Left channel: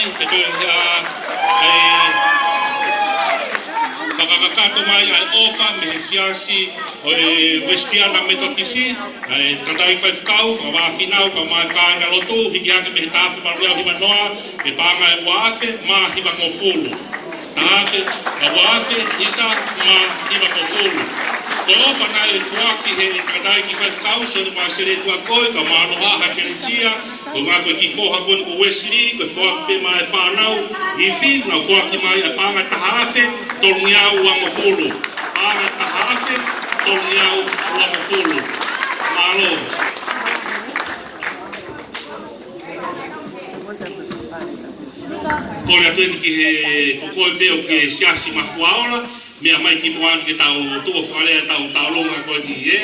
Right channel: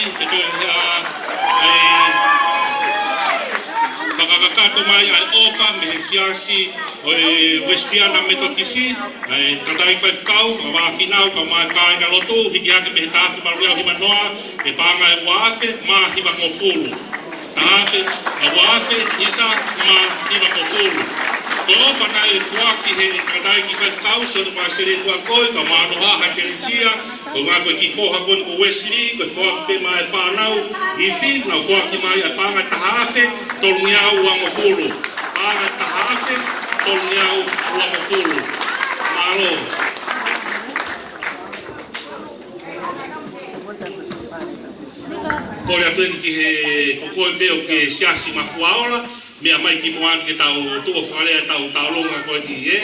mai, ke koe kakakato mai ai ofa me siasi o Westiana metotisi, tatai whaifkau, whawawhinau, pa mai kāinga lotu, hiki ake me he tāwhi maruia hiwa noa, e pānga e wafe, mā hiwa no fulu. Tāwhi, e wafe, isa, mā hiwa no fulu. Ko ofa na e whuaki he tatai ki whaifkau, sonu mai sere tua koe, ka mā noha ha keretia, ko ngā koe ki whoha kon ko Wesley, ko whoaki pe mai whanau, i whi, na whoaki mai a pānga tahawhe, tonu iau ua mo fulu. Pānga tahawhe, tonu iau ua mo fulu. Malo. Kore atu ki he kokoe peo ke Siasi Mafua Ola, mea mai ki moani ke tau tua whakarea tau longa koe ki e.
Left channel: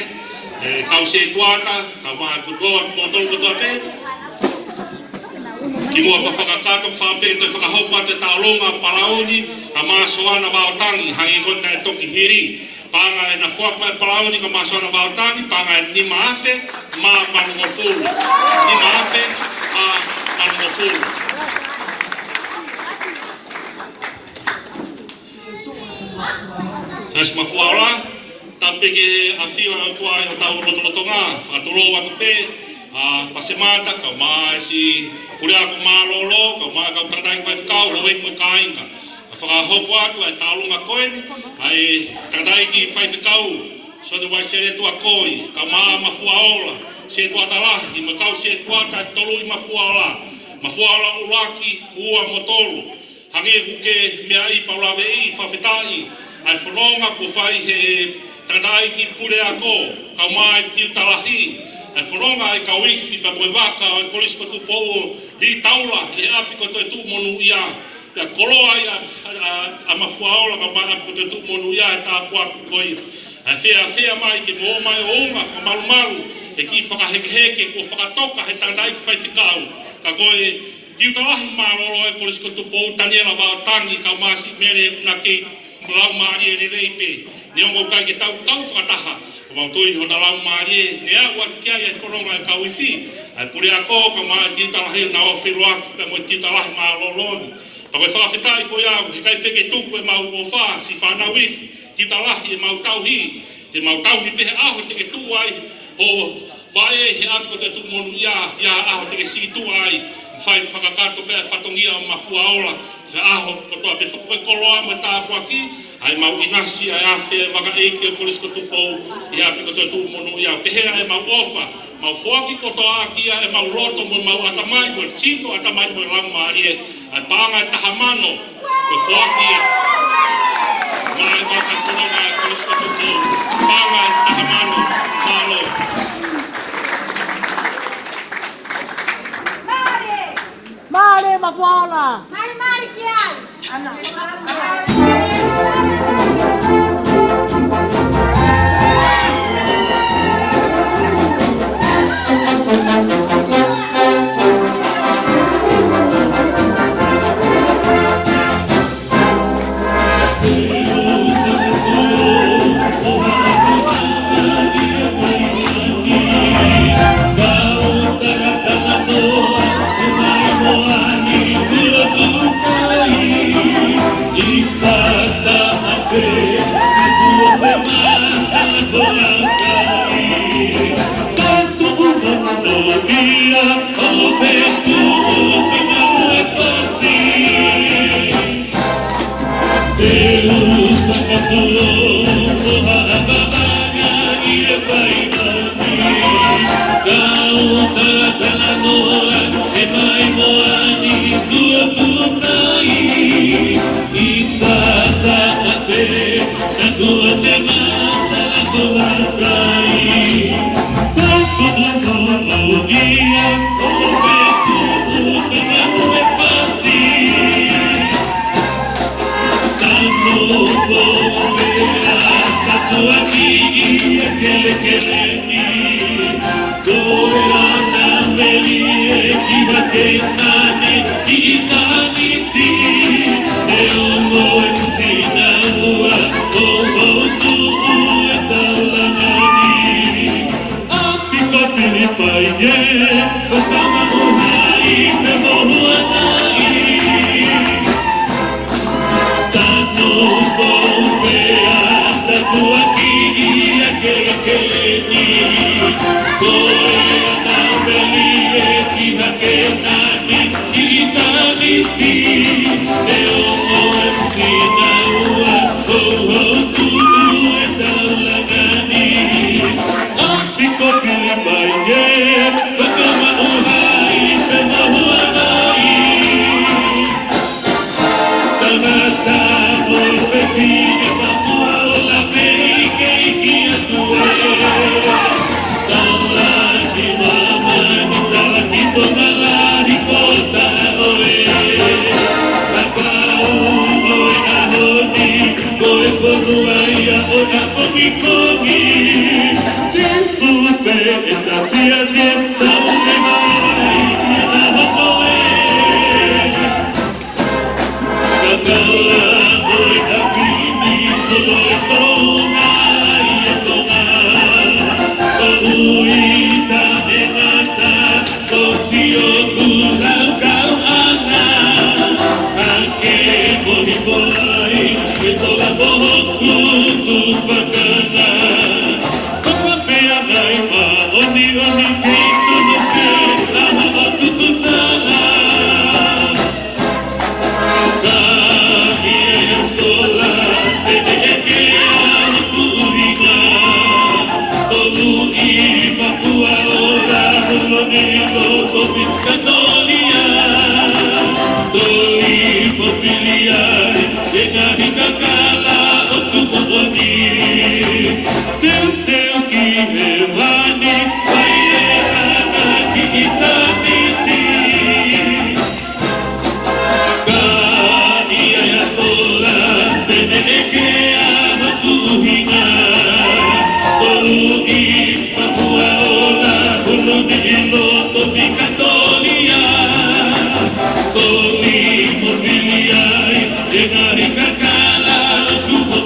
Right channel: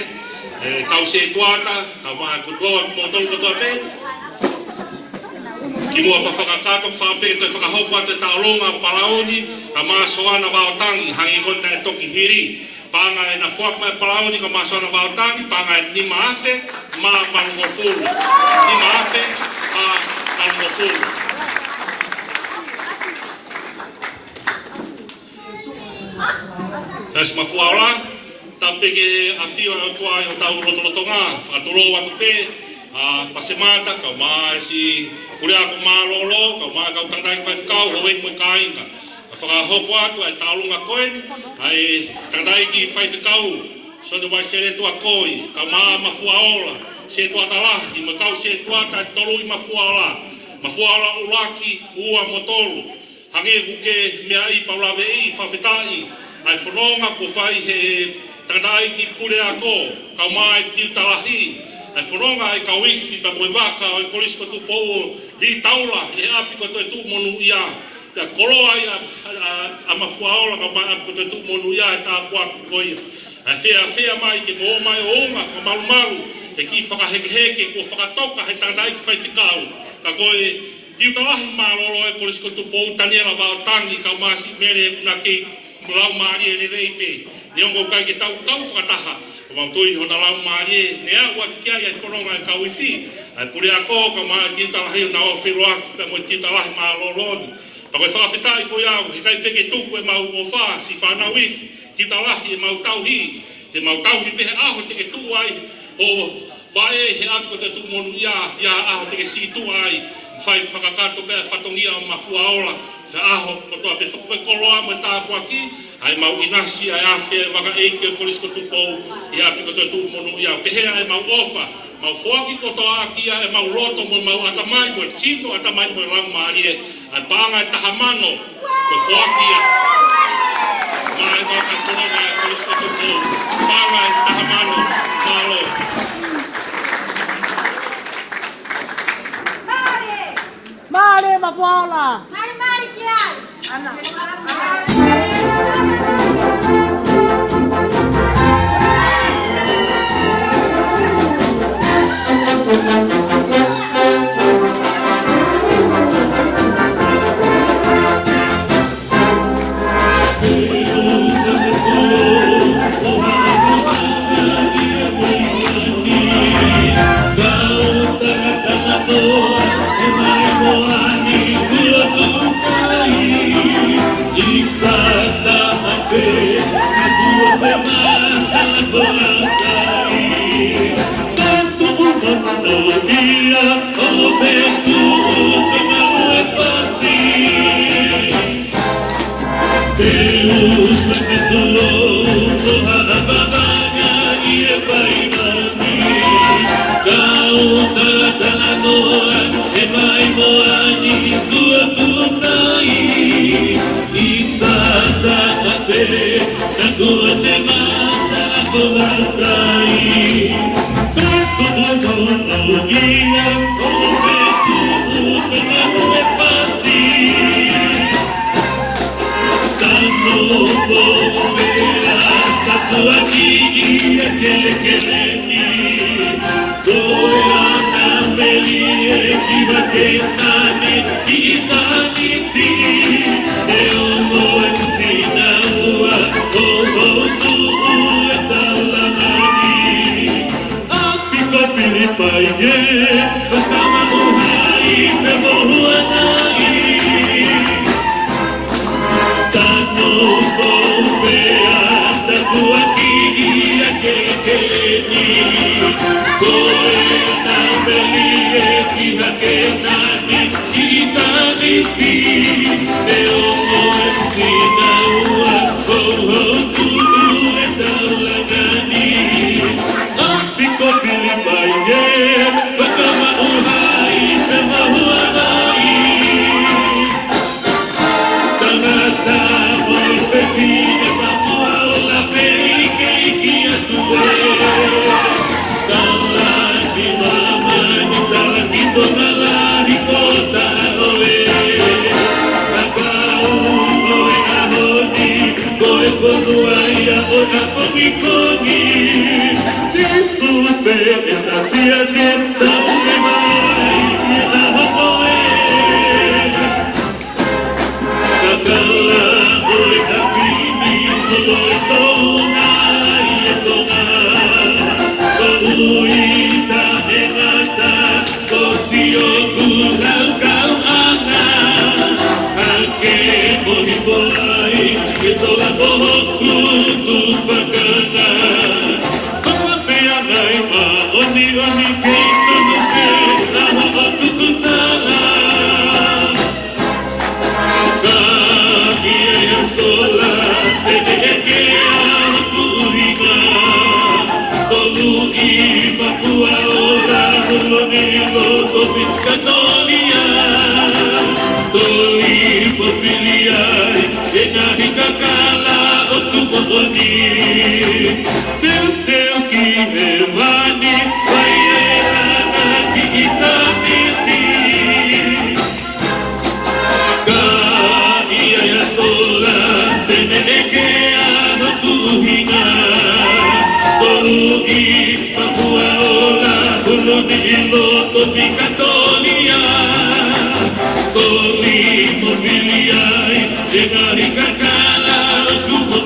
Kau se tuata, ka waha kutoa, motolu kutoa te. Ki mua pa whakakato, whape toi whakahoko ate tau longa paraoni, ka maasoana waotangi, hangi kona e toki hiri. Panga e na whak mai paraoni, ka maasoana waotangi, panga e ni maafe, maa manungo fulu. Ni maafe, manungo fulu. Siasi Mafua Ola, tau peke a whiwa o tua i o tau rotolotonga, whakatoloa atu pe, pasemata, ka maa si kurea ko maa lolo, ka maa kau tatai whaifkau, lo wek mo kāinga. Ka whakahoko atu ai tālunga koeni, ai tatai ki whaifkau, soto wai sere tua koi, ka maa Mafua Ola, se tua talahi, ma kau se tua ta tolu i Mafua Ola. Mafua Ola ulaki, ua motolo, hange huke mea i paulawe i, whawhetai, ai whanonga ko whai he tatai ki pure ako, kau mai tiu talahi, ai whanonga ai kau iwi ka koe waka, ai polisi ko tu pou li taula, e api ko Toetu'u Monu'ia, pia koloa i a Mafua Ola, ka mai api ko Toetu'u Monu'ia, e tā puaku koe. Ai whea mai ke mo mai o onga, whamaru, e ki whakahekeheke, ko whakatoka he tatai ki whaifekau, ka koe tiu talahi marolo, ai polisi ko tu pou taniela waotangi, kau masi mere na kei, lau maari e rei pe, ne ongo kai ke tau whakataha, o mau tui hona lau maari e, ne a watu kia i whanonga e kau i whi, ai pure a kō, ka maa titalahi o nao whiruaki, pe mo titalahi maa loloni, pa koe whawhitai koe au, he kai peke tuku e mau o wha, si whanau iwi, titalahi e mau tauhi, te mau tauhi pehe aho te ke tu ai, o whae he atu ko te tu Monu'ia, ia aho te ke si tu ai, whai whakakato pēr whatongia o Mafua Ola, wha aho kotoa pe whakoe koloa ma tāpua ki, ai mau inasi ai awhe waka eike o polisi ko tupou, i api ko te tu Monu'ia, pehea e mau ofa, mau whoaki kotoa akia e mau roto mo mau atamai mo, tino atamai mo lau maarie, ai pānga e tahamano, ko whoaki e, mai waka korona e polisi ko tupou, pānga e tahamano, tālo. Mare Mafua Ola. Mari kiai. Exactamente.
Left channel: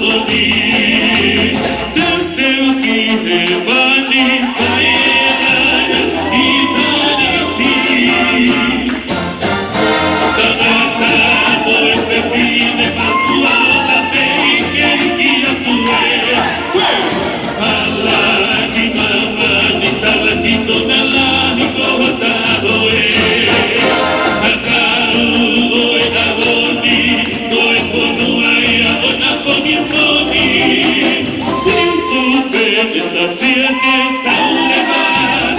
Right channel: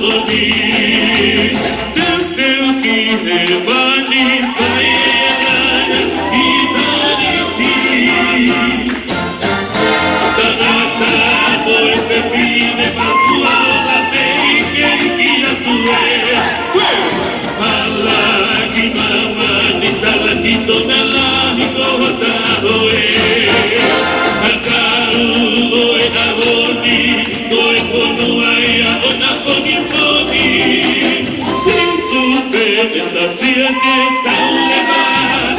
Monu'ia,